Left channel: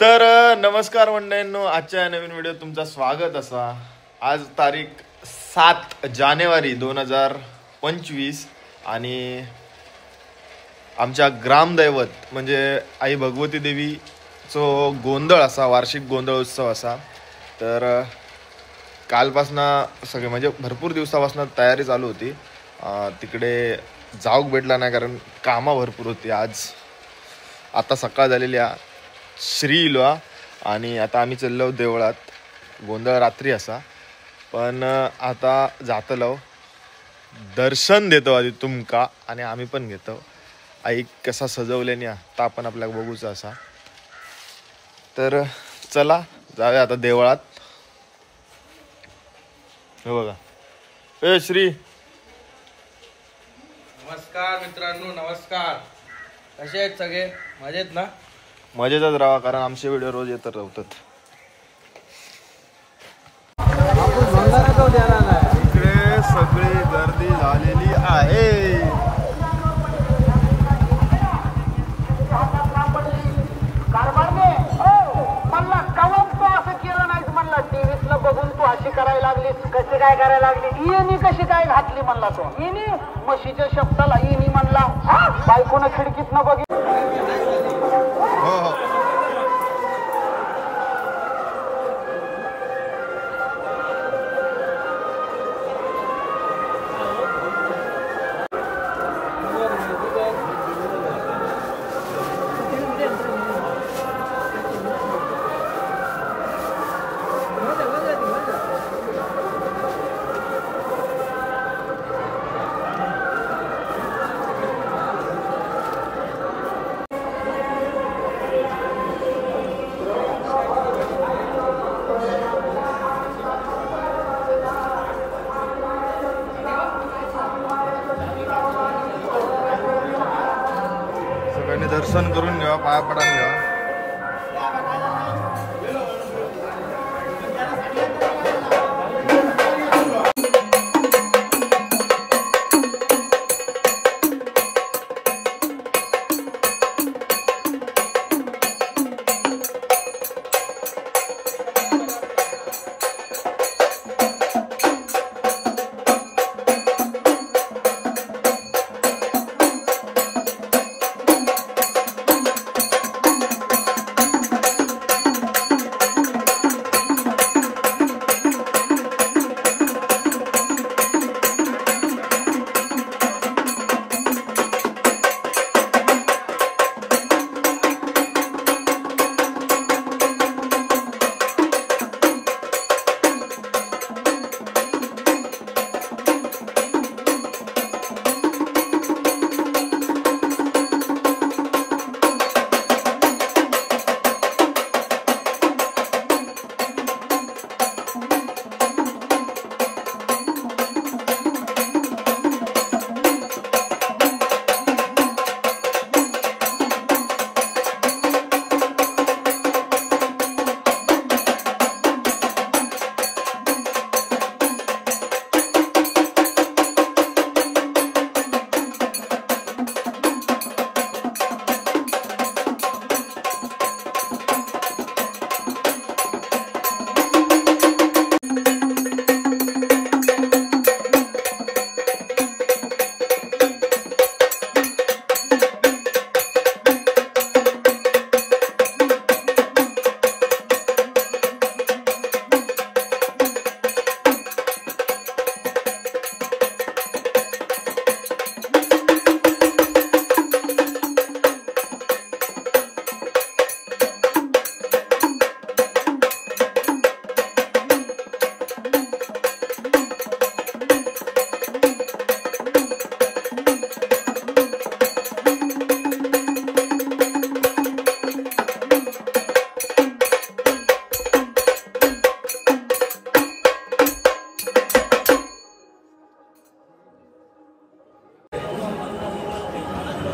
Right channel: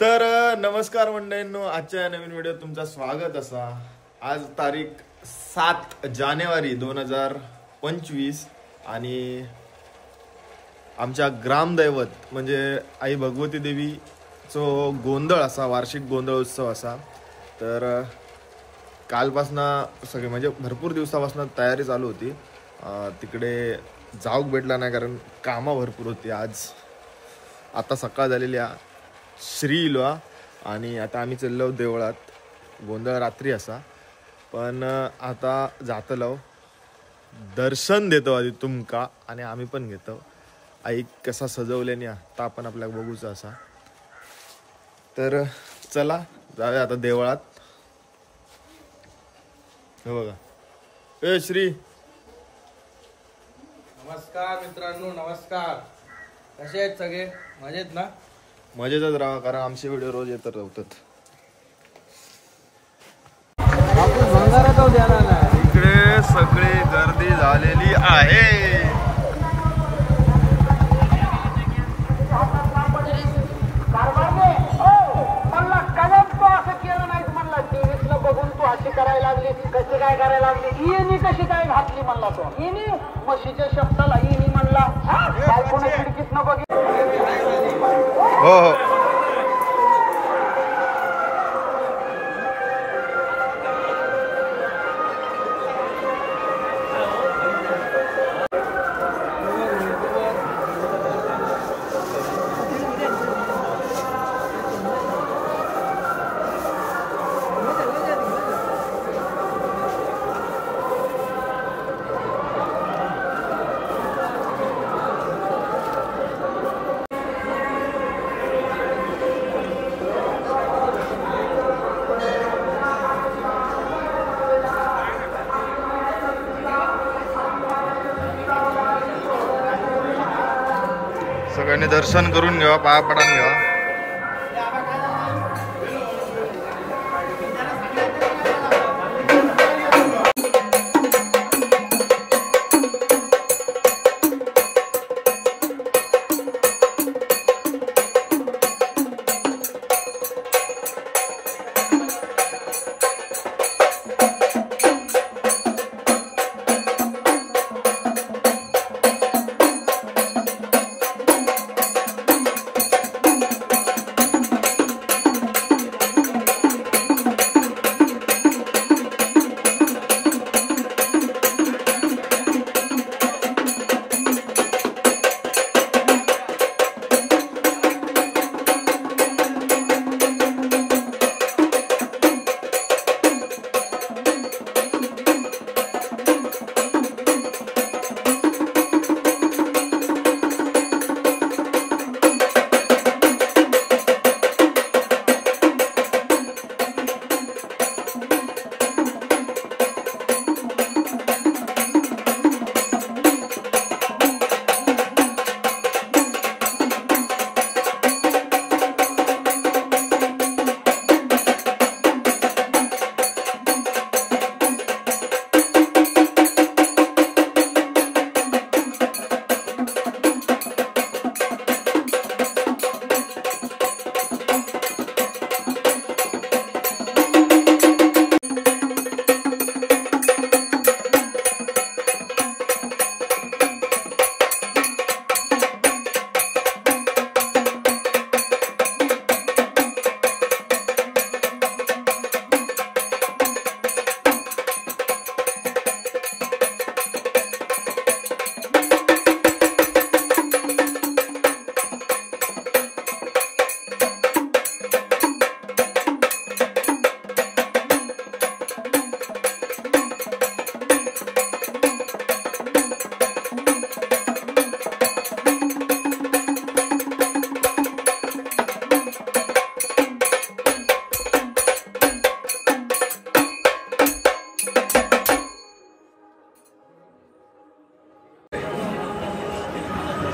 तर नमस्कार मंडळींनो, आजच्या नवीन व्हिडिओ तुमचं स्वागत असा। आज तारीख 7 जानेवारी 2025 आणि आमच्या ग्रामदैवत म्हणजे आई भगवती देवीचो गोंधळ असा, वार्षिक गोंधळ उत्सव असा। तर कालपासनं सगळे म्हणजे भरपूर दिवसापासून तयारी चालू होती। तिकडे जाऊक भेटला नाही कारण कामं भरपूर होती। आज आता सकाळ झालेली श्री इलवा आणि आता आम्ही चाललो देवळात। गोंधळ रात्री असा, पण आता जातलो दर्शन देतो आधी तुमका आणि आम्ही पण घेतो। आई कसा सजवल्याने आता आपण आपल्याला बघूचा असा। तर चला जाऊया आता देवळात। हे बघा, ए श्री, नमस्कार मित्रांनो, नमस्कार। कसे आहेत सगळे? मजेत ना? मजेतच राहा कारण आमचे व्हिडिओ रोज येत राहतात। इकडे सगळी गर्दी झालेली आहे। टीव्हीतलं बघून तू अशी करायला लागलीस, कशी काय करायला लागली? येणी कशी काय घातली म्हणला तो? येणी म्हशीच्या शब्दाला येणी म्हणला, बायकोनं खिडकीतनं बघितलं। हो हो, सगळ्यांनी दर्शन करून घ्यावा, पाया पडून घ्यावा।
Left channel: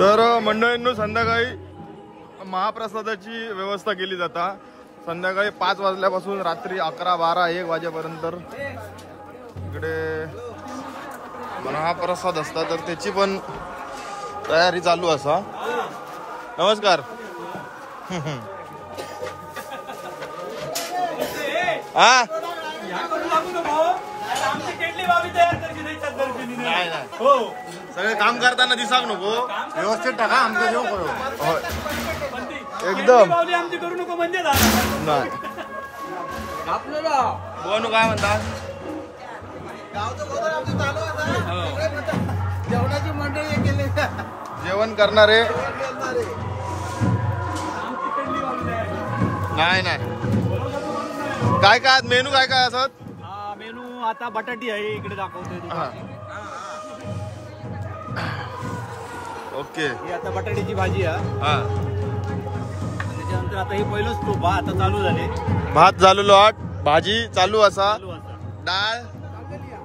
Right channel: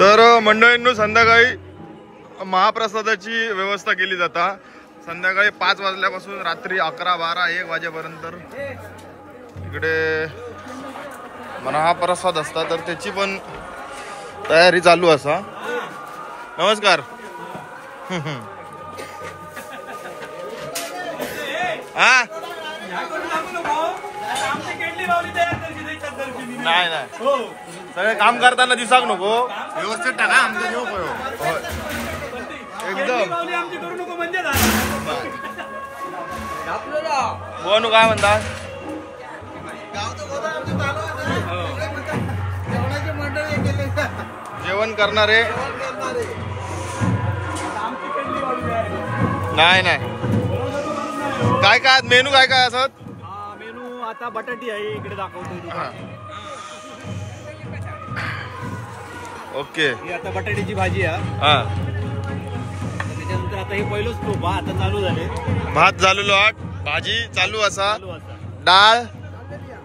तर मंडळींनो, संध्याकाळी महाप्रसादाची व्यवस्था केली जाता। संध्याकाळी 5 वाजल्यापासून रात्री 11, 12, 1 वाजेपर्यंत इकडे महाप्रसाद असता, तर त्याची पण तयारी चालू असा। नमस्कार। हा नाही नाही सगळे काम करताना दिसाक नको व्यवस्थित टाका आमचं जेव होय एकदम बोनू काय म्हणतात जेवण करणारे नाही नाही काय काय मेनू काय काय असत मेनू आता बटाटी आहे इकडे दाखवतोय ओके ही आता बटाट्याची भाजी आहे हा त्याच्यानंतर आता हे पहिलंच तो भात आता चालू झाले भात झालेलो आठ भाजी चालू असा डाळ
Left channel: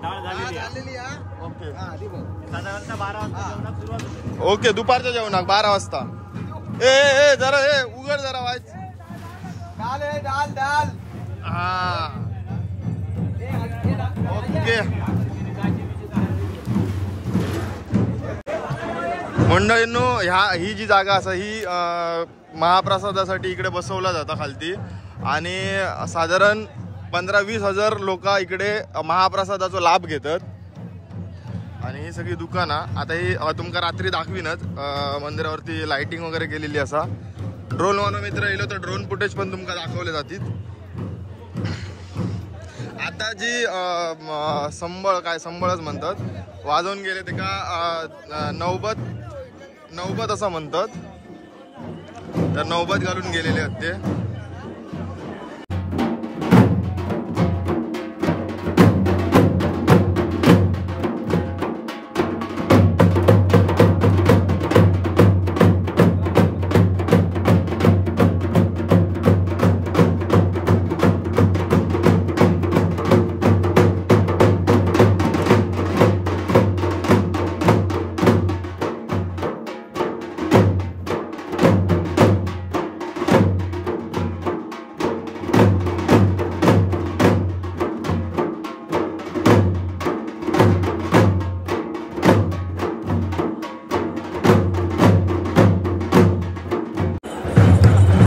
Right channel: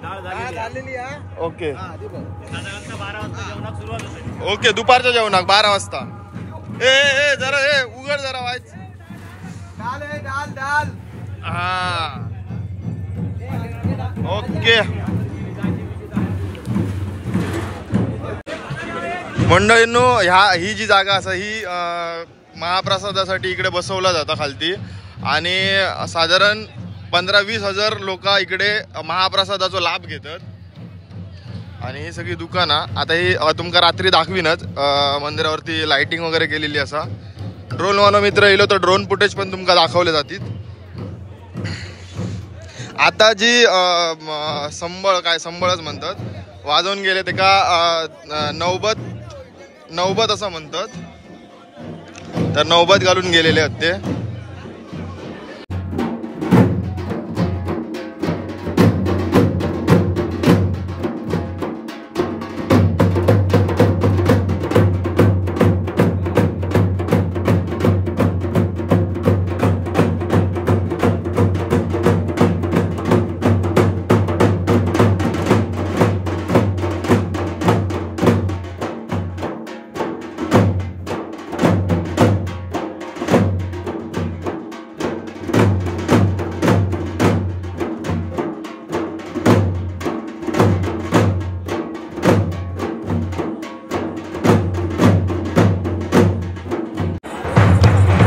झालेली आहे ओके साधारणतः 12 वाजता जेवणाक सुरुवात होते ओके दुपारच्या जेवणाक 12 वाजता ए जरा उघड जरा वाच दाल हा ओके मंडळींनो ही जी जागा असा ही महाप्रसादासाठी इकडे बसवला जाता खालती आणि साधारण 15-20 हजार लोक इकडे महाप्रसादाचा लाभ घेतात आणि ही सगळी दुकानं आता ही तुमका रात्री दाखवीनच मंदिरावरती लाइटिंग वगैरे केलेली असा ड्रोन वानो मित्र येलो तर ड्रोन फुटेज पण तुमका दाखवले जातील आता जी संबळच म्हणतात वाजवून गेले ते का नौबत असं म्हणतात तर नौबत घालून गेलेले आहेत ते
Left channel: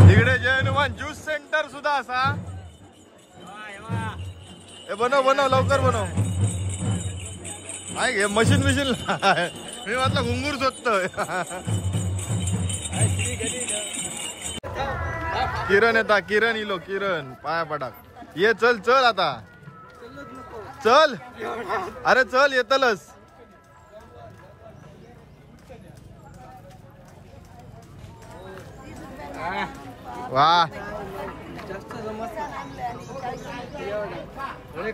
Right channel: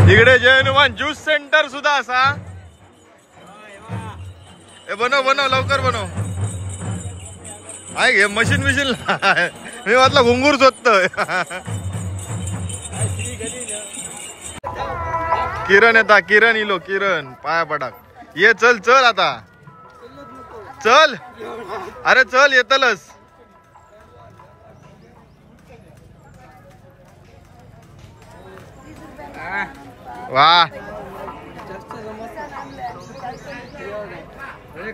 इकडे जय हनुमान ज्यूस सेंटर सुद्धा असा बनव लवकर बनव आहे घे मशीन मी म्हटलं घुंगूर शोधतोय किरण इलो किरण पाया पडाक ये चल आता चल अरे चल येतलच वा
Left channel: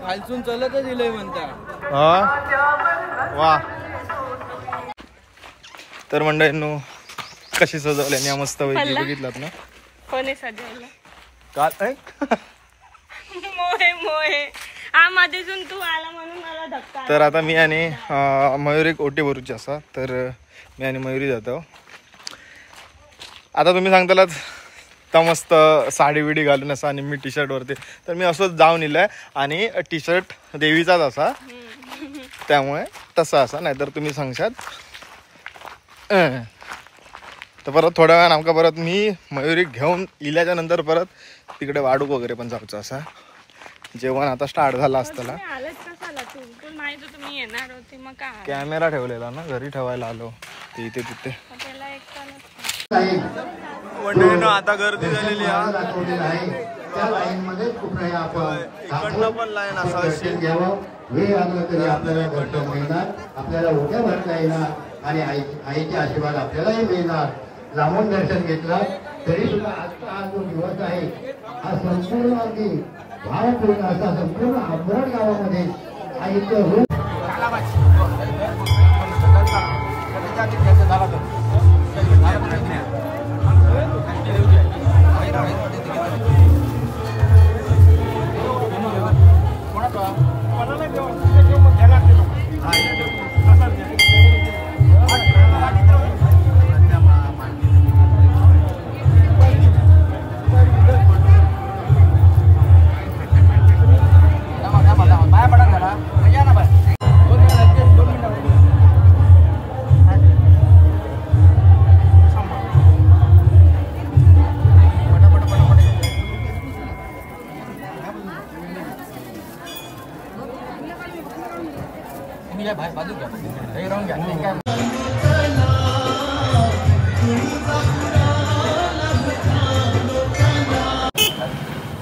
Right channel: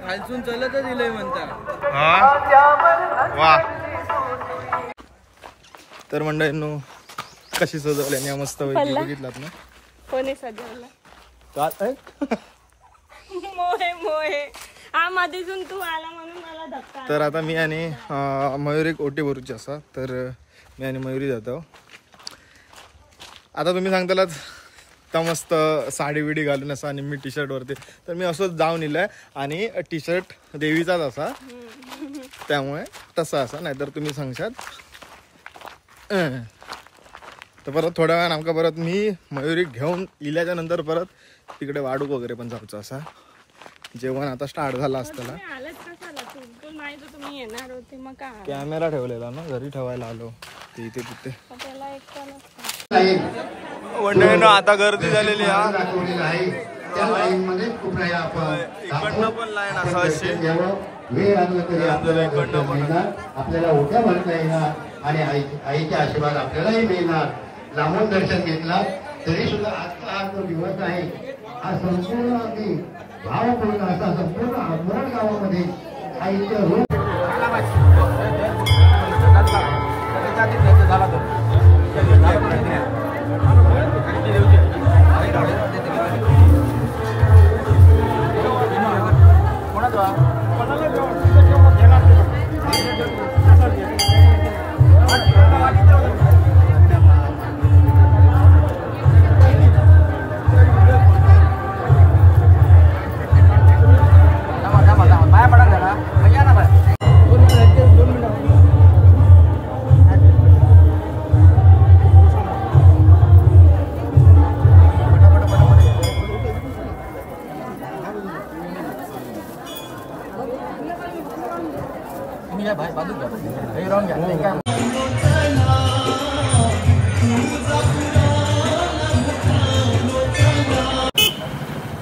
खालसून चलत दिलंय म्हणता वा तर मंडळींनो कशी सजवल्या मस्त पैकी बघितलात ना कोणी सजवलं काल मोहे हा मध्येसून तू आला म्हणून मला धक्का तर आता मी आणि मयुरी ओटी भरूची असा तर मी आणि मयुरी जातो आता तुम्ही सांगतालात तर मस्त साडी विडी घालून असा आणि मी टी शर्ट वरती तर मी असंच जाऊन इलंय आणि टी शर्ट देवीचाच असा त्यामुळे तसा असा नाहीतर तुम्ही सांगशात तर परत थोड्या वेळानं आमका परत मी मयुरी घेऊन इल्याच्या नंतर परत तिकडे वाडूक वगैरे पण जाऊचं असा जेवण आता स्टार्ट झालं असताना कॅमेरा ठेवलेला ना घरी ठेवायला आलो ते इथे तिथे मंडळीनं आता गर्दी झालेली आहे इकडनं पण लाईन असा अशी आपल्याला उद्या भरता येणार आणि आईचे आशीर्वाद आपल्यालाही मिळणार लांबून दर्शन घेतला तरी सुद्धा आजचा हा जो दिवस आहे हा संपूर्ण अगदी भावपूर्ण असा संपूर्ण अंबरड गावामध्ये आईचं रूप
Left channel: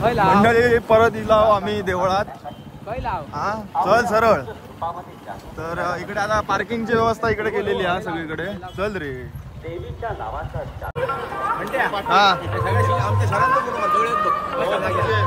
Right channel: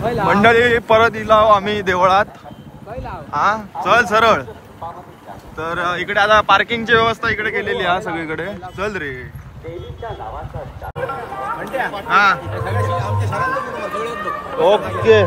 मंडळी परत इलो आम्ही देवळात. हा चल सरळ. तर इकडे आता पार्किंगची व्यवस्था इकडे केलेली आहे सगळीकडे. चल रे. हा ओके.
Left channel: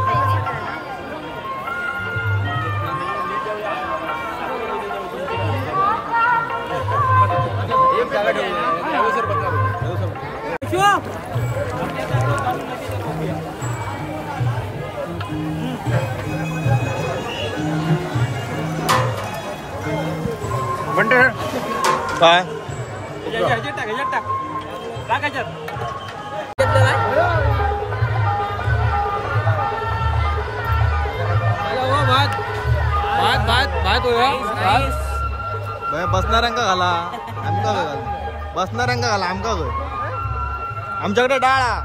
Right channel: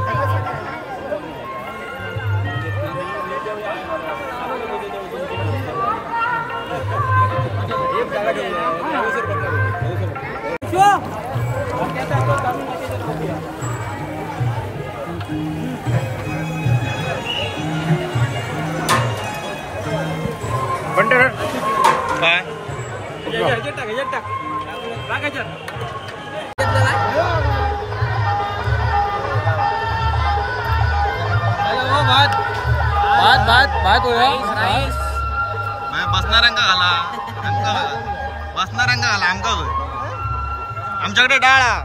काय बसणाऱ्यांका घाला बसणाऱ्यांका घाला आमका आमच्याकडे डाळा.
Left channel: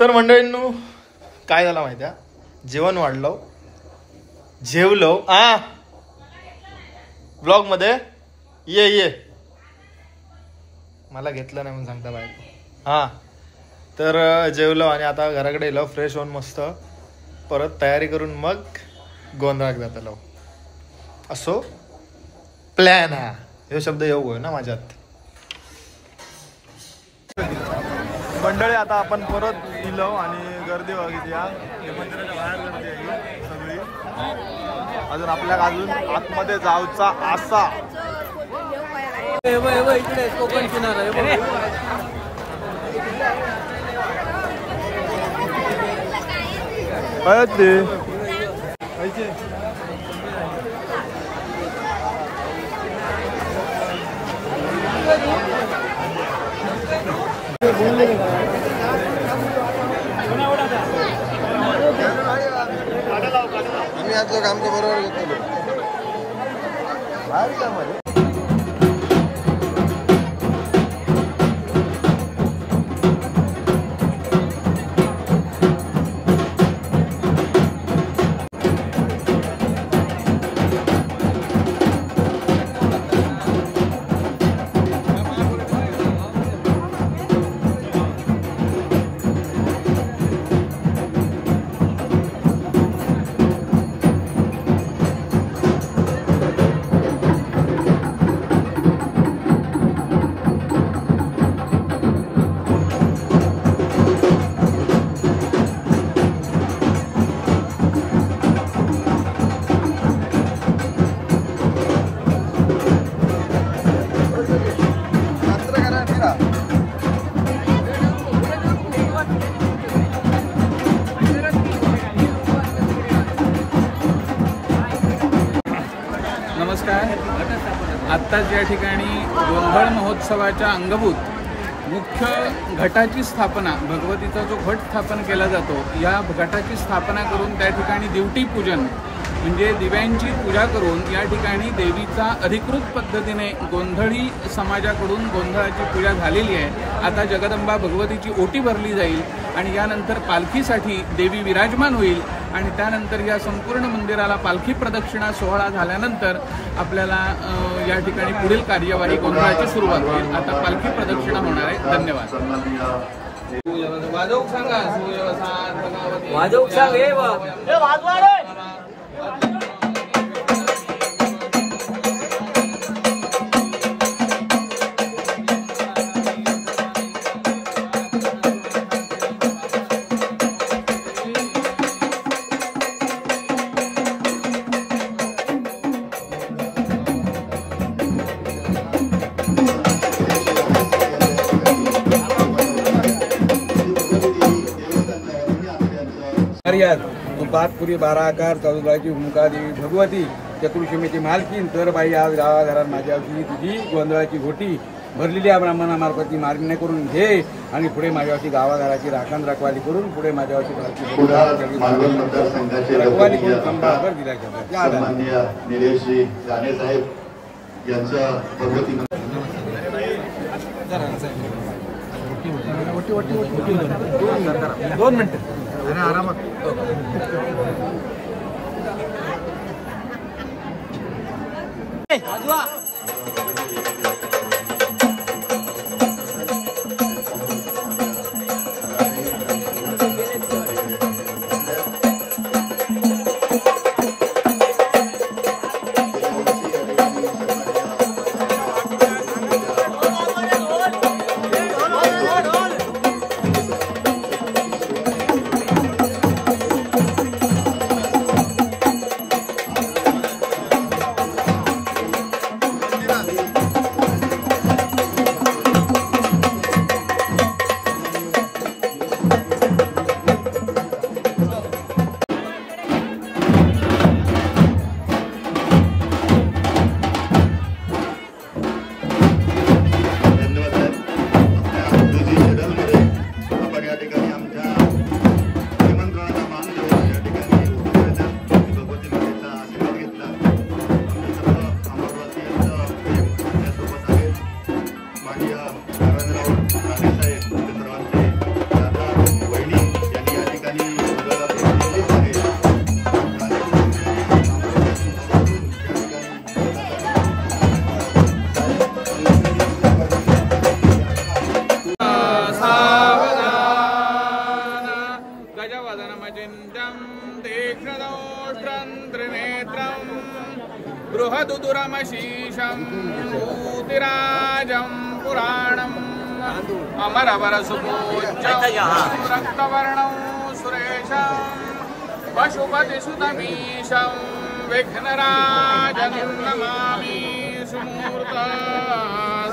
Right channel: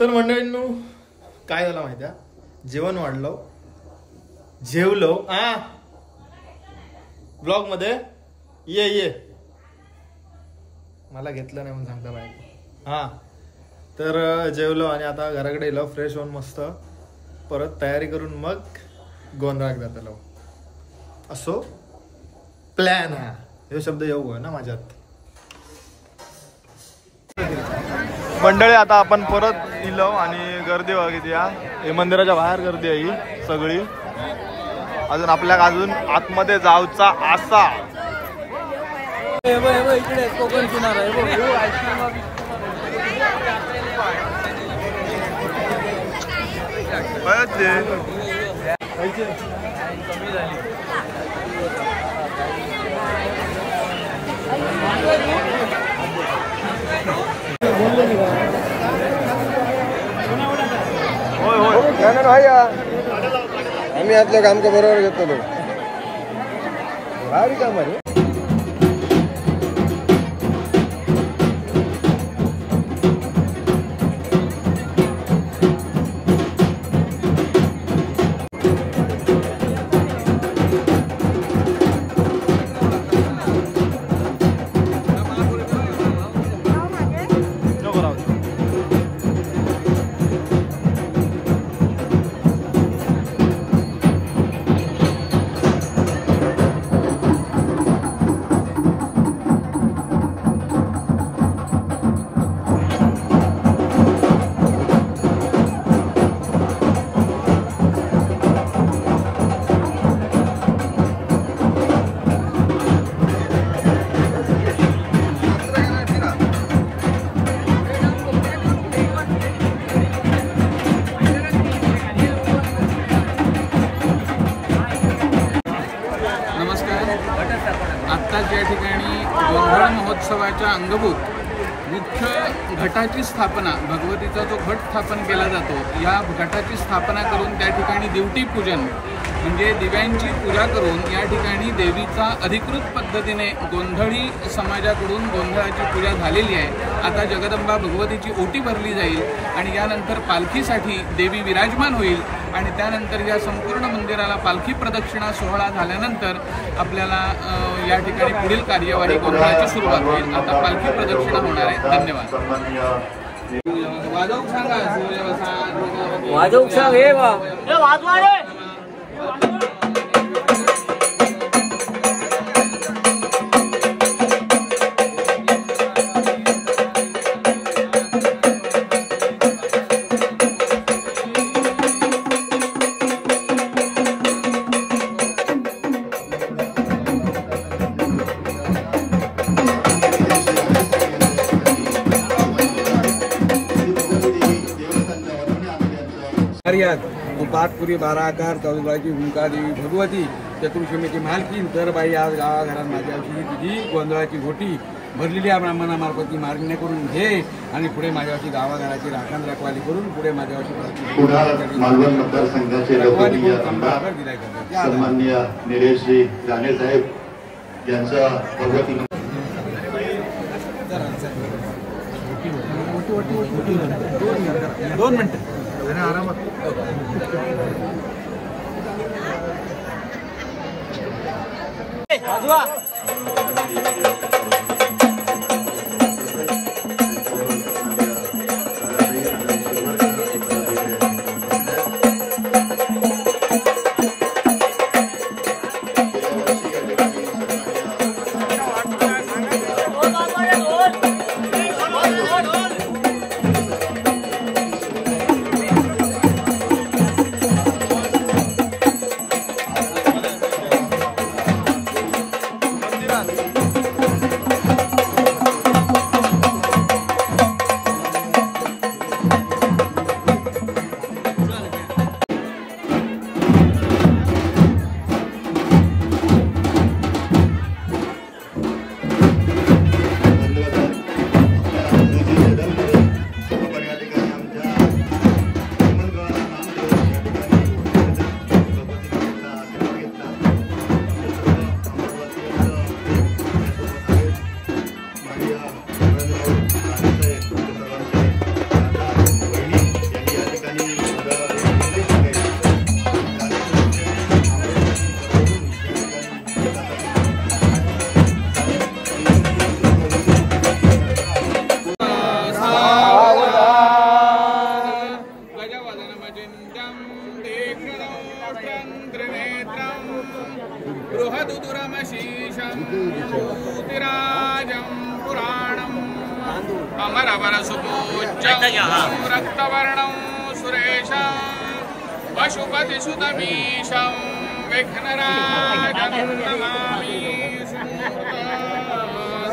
तर मंडळींनो काय झालं माहिती आहे, जेवण वाढलं जेवलो. ब्लॉग मध्ये ये मला घेतलं नाही म्हणून सांगता बायको. हा तर जेवलो आणि आता घराकडे येलो फ्रेश होऊन मस्त परत तयारी करून मग गोंधळाक जातलो. असो प्लॅन हा. हे शब्द येऊ ना माझ्यात. मंडळी आता आपण परत इलो आणि गर्दी बघितली. हे मंदिराच्या बाहेर गर्दी आहे ही सगळी. अजून आपल्याला अजून आतमध्ये जाऊचा आसा. आम्ही आतलं काम का बरोबर घेतलो. आत्ताच या ठिकाणी गोंधळ महोत्सवाच्या अंगभूत मुख्य घटाची स्थापना, भगवतीचा जो घट स्थापन केला जातो, या घटाची स्थापना करून त्या ठिकाणी दिवटी पूजन म्हणजे दिव्यांची पूजा करून या ठिकाणी देवीचा अधिकृत पद्धतीने गोंधळी समाजाकडून गोंधळाची पूजा झालेली आहे. आता जगदंबा भगवतीची ओटी भरली जाईल आणि यानंतर पालखीसाठी देवी विराजमान होईल आणि त्यानंतर या संपूर्ण मंदिराला पालखी प्रदक्षिणा सोहळा झाल्यानंतर आपल्याला या ठिकाणी पुढील कार्यवाही गोंधळाची सुरुवात होईल. आता पालखी प्रदक्षिणा होणार आहे. धन्यवाद. वाजवूक सांगा. वाजवूक सांग. हे वाजवाडे पातपुरी बाराकार चौदाची भूमिका देवी भगवती चतुर्शीमेची मालकीन तर बाई आज गावाघरात माझ्या तुझी गोंधळाची घोटी भरलेल्या ब्राह्मणामार्फत मागणी करून घे आणि पुढे माझ्यावरची गावाघराची राखण रखवाली करून पुढे माझ्यावरची पालखी रखवाली करून संभाकर दिल्या जातात. निलेशजी जाणे साहेब यांचा भगवती दोन मिनिटं आरामात. दुदुरमशीषं भूतिराजं पुराणम् अमरवरसुपूज्यं रक्तवर्णं सुरेशं पशुपतिसुतमीशं विघ्नराजं नमामि सुमूर्तसावधानम्।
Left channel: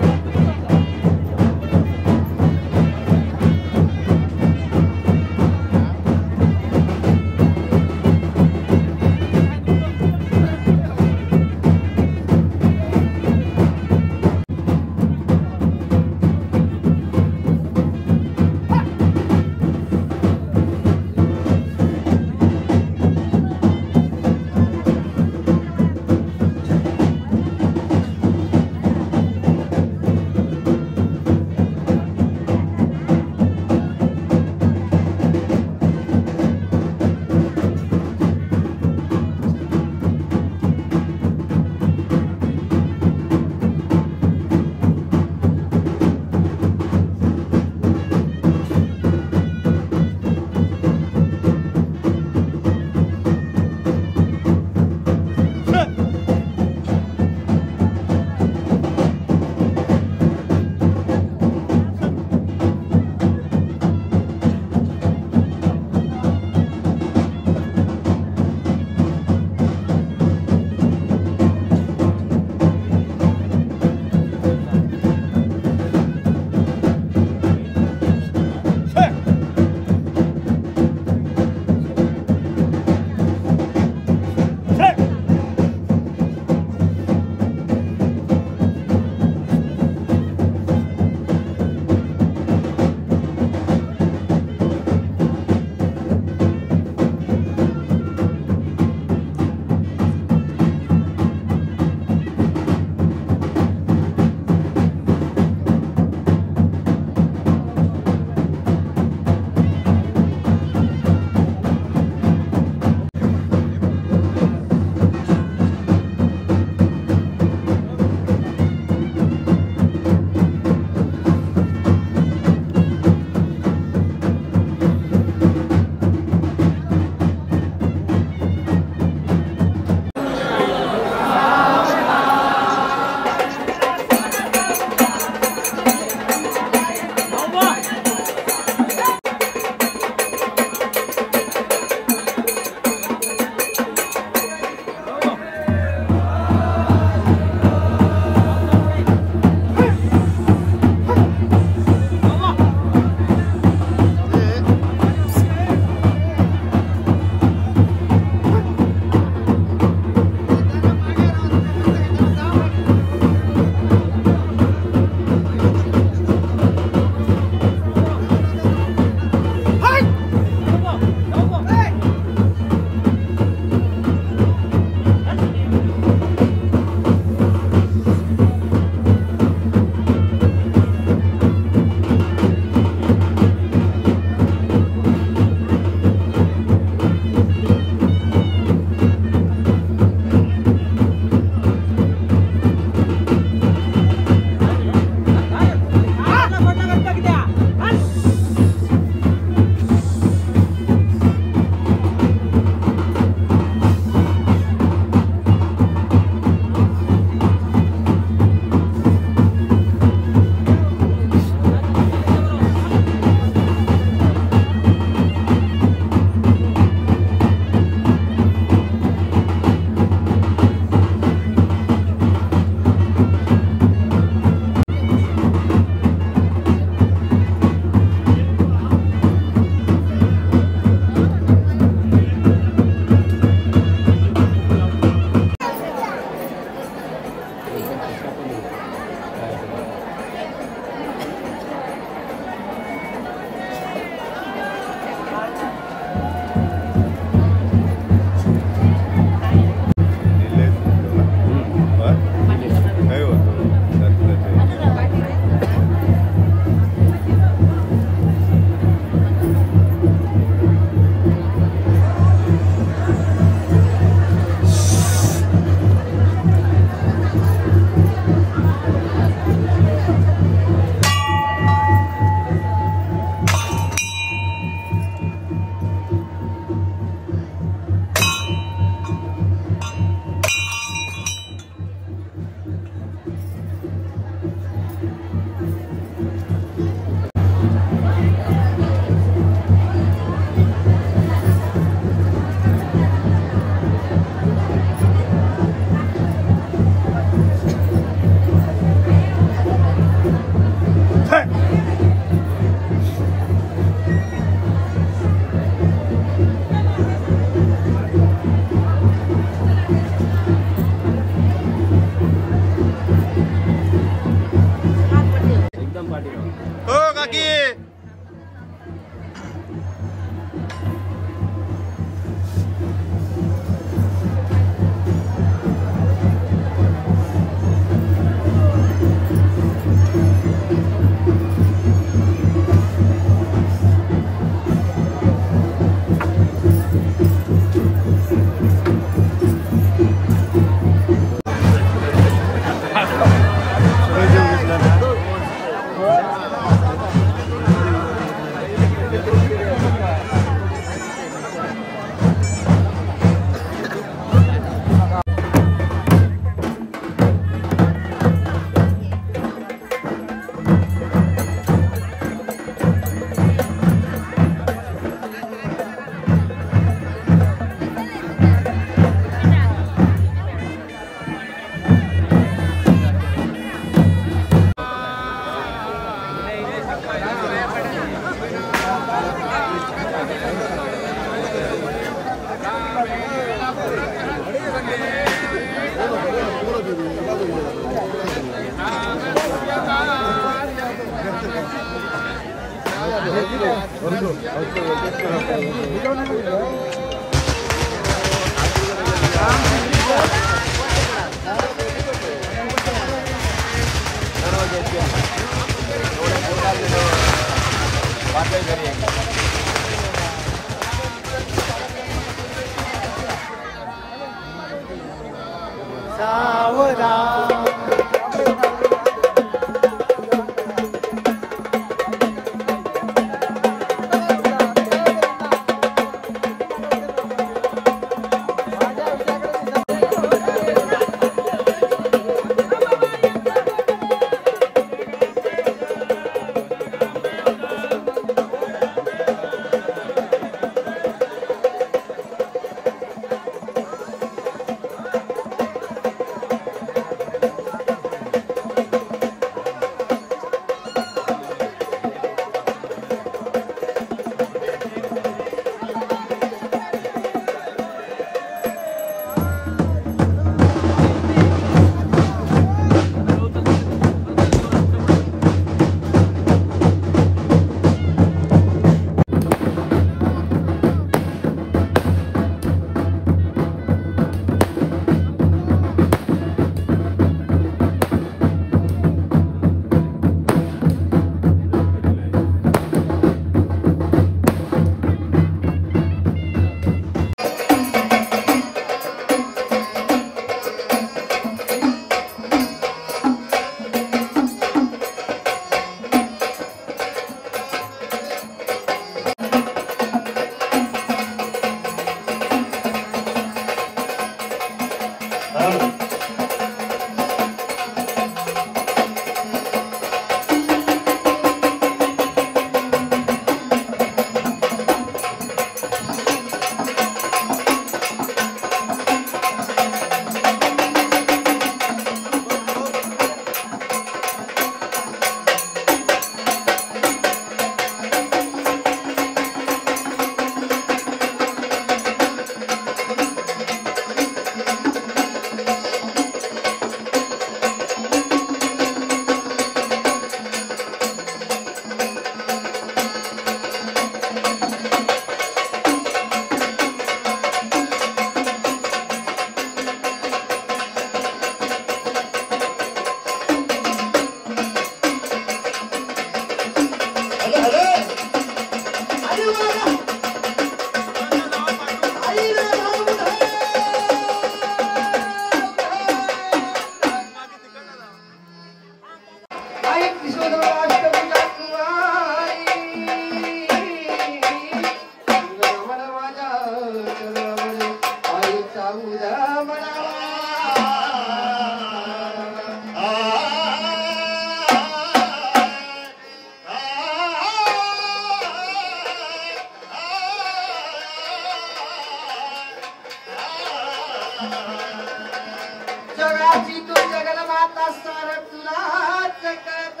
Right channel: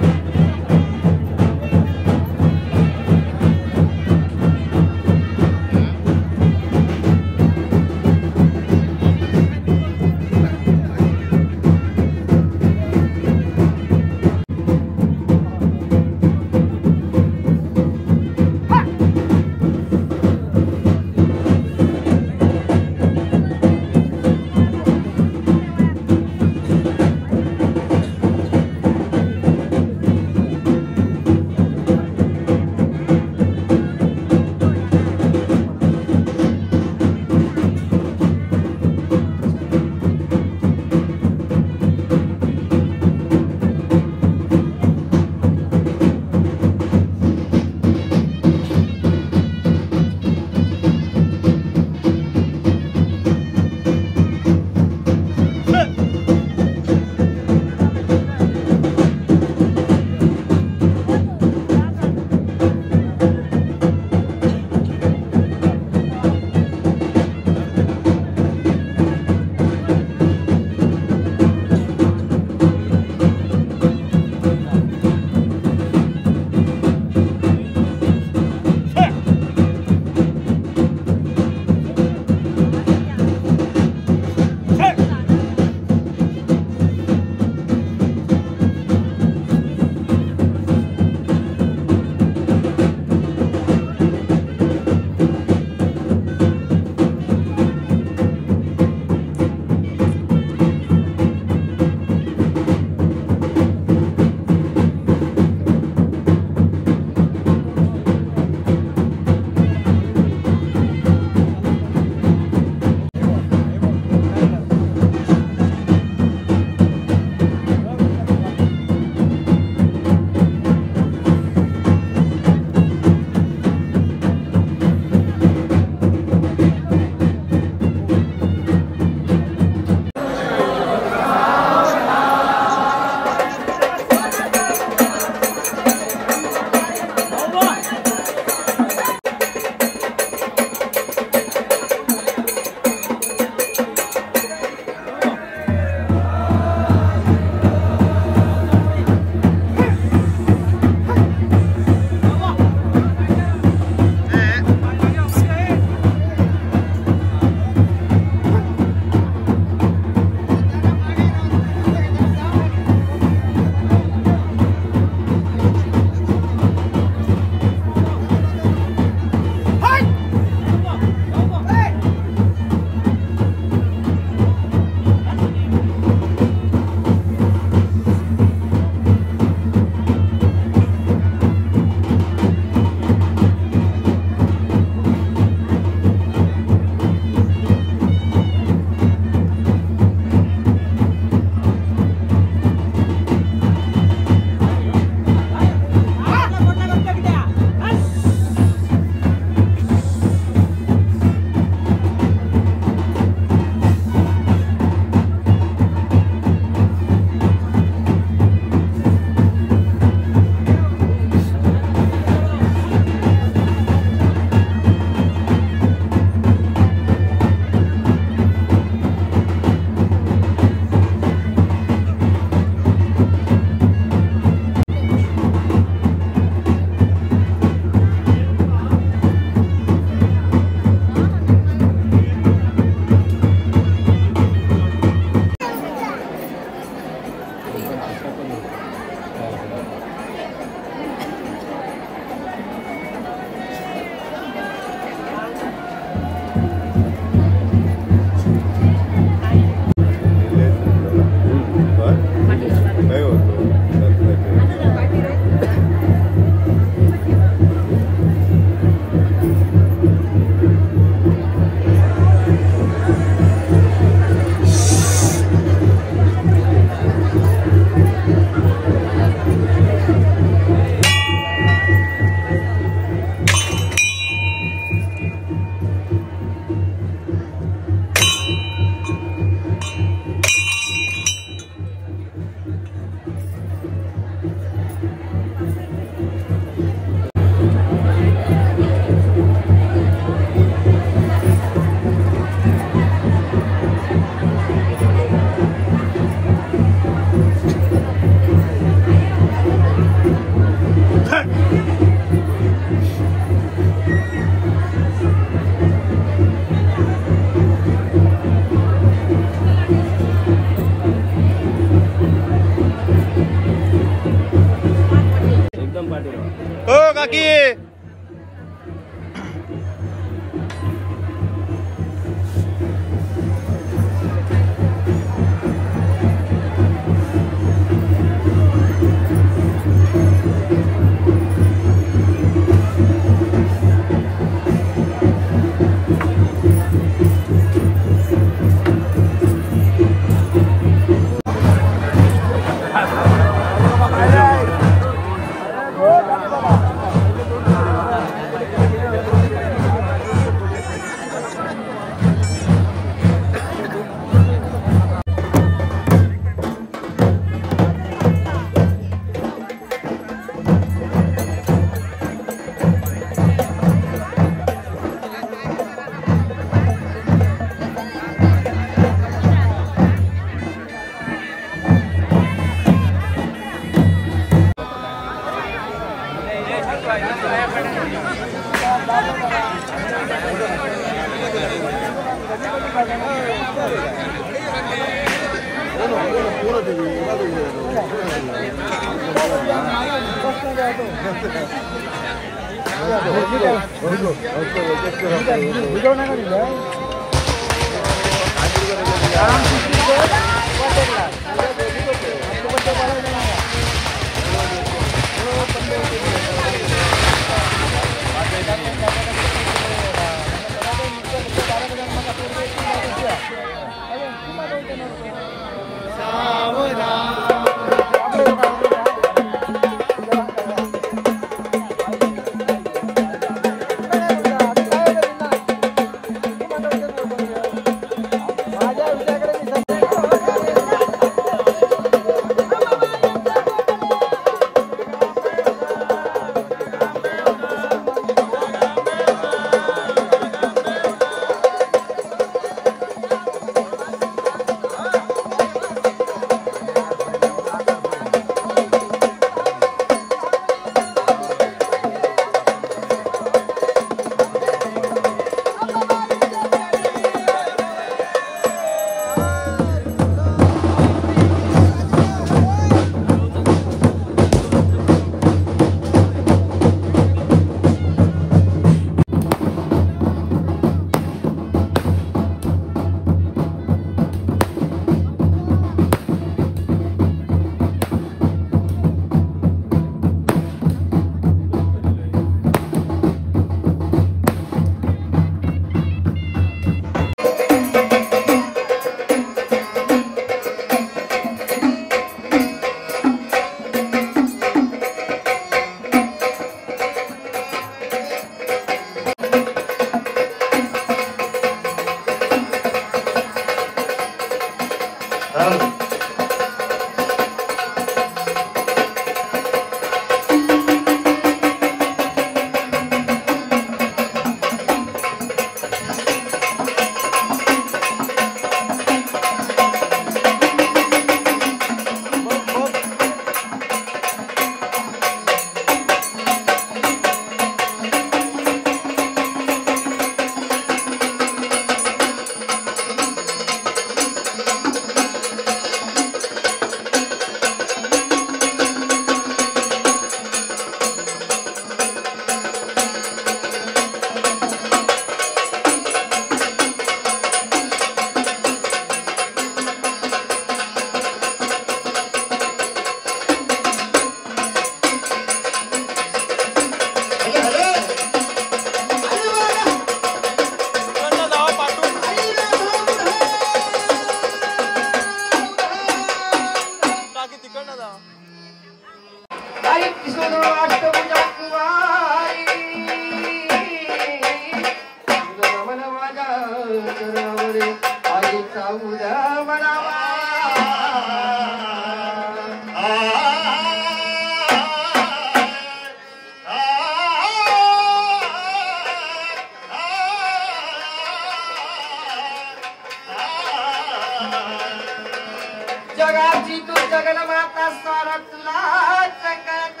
जगाची तू जगन्माता सार तुलाच कळत,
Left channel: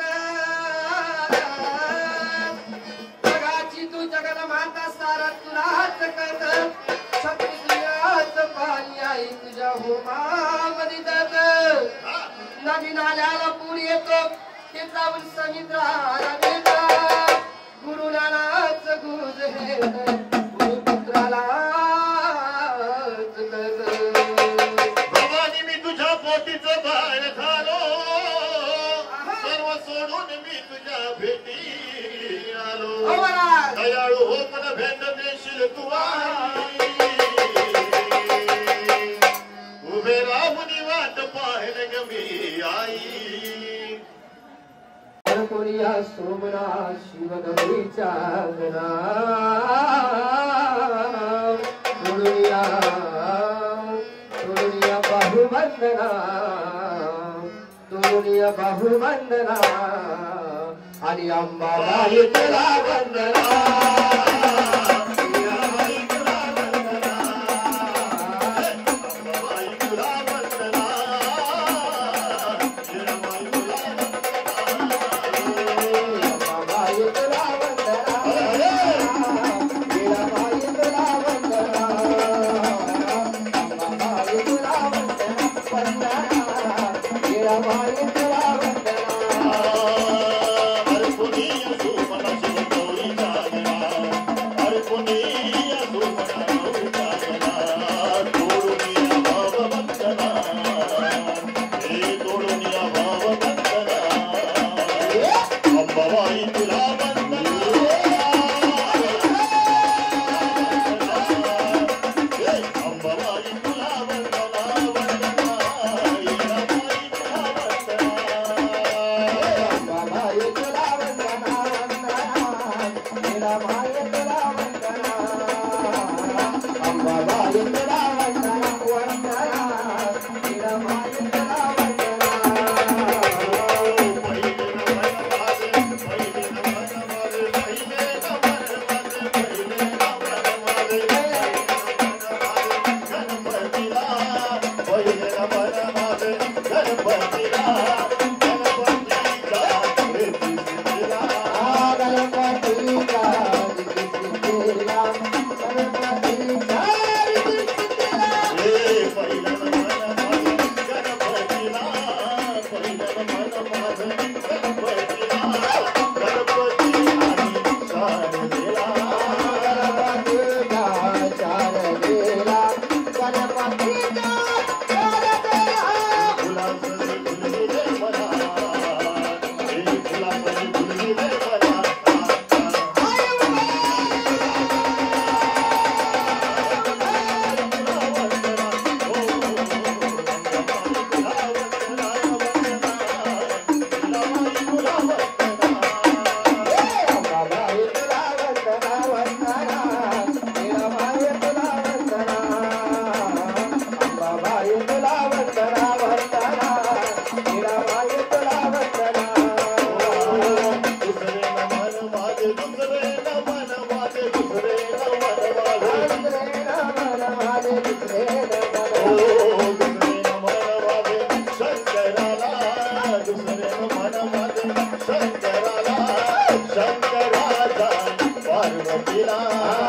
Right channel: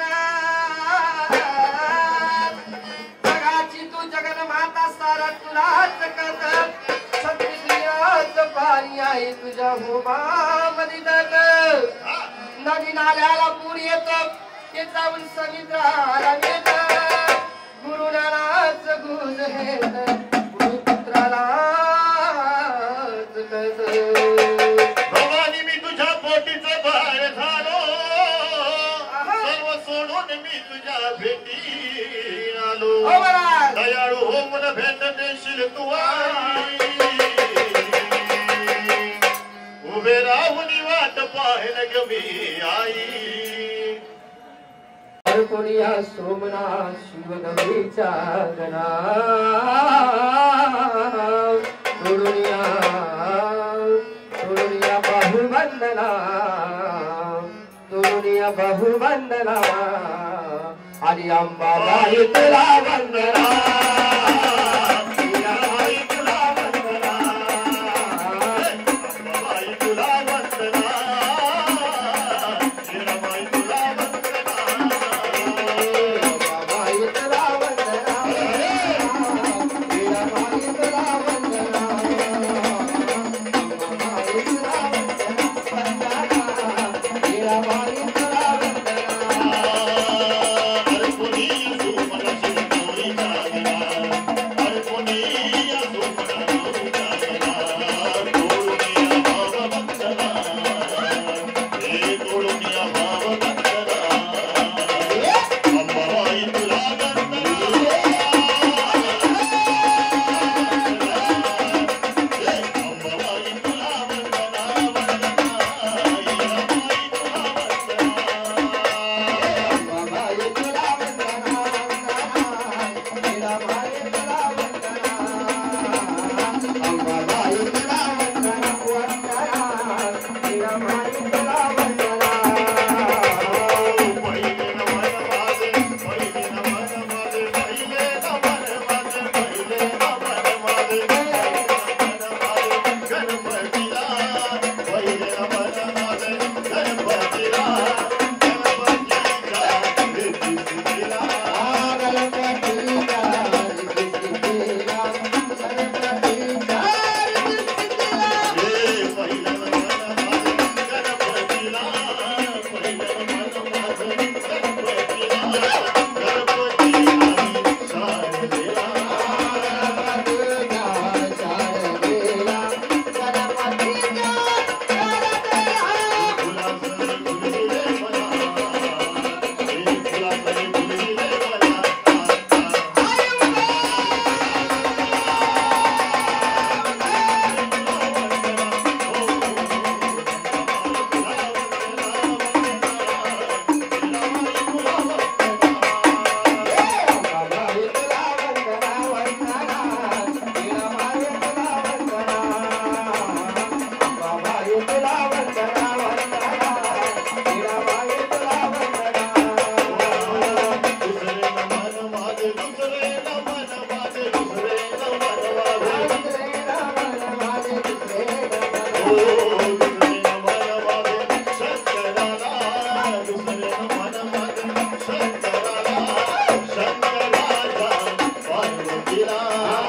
जगाची तू जगन्माता सार तुलाच कळत, क्षत्रियाच पारी आहे तुझ्या भूमामध्ये दत, नदी नाल्याला पूर येतो ते जाऊन समुद्राला नेत, गुरु नानाच गुज हेत गुरुपुत्राला बाहेर झालो सर्व सोडून मी तुझ्या भेटी आलो, दयाळू हो मन भेट देशील तू उभे राहून वाट पाहिलं ग मी आई, कोणीया सोमनाथ शिवगौरीच्या गणा सोडूया बहुवंदना सोडूया बहुवंदना आणि अंबाबाई तुला वंदना, गौरीचा शंकराचा पार्वतीला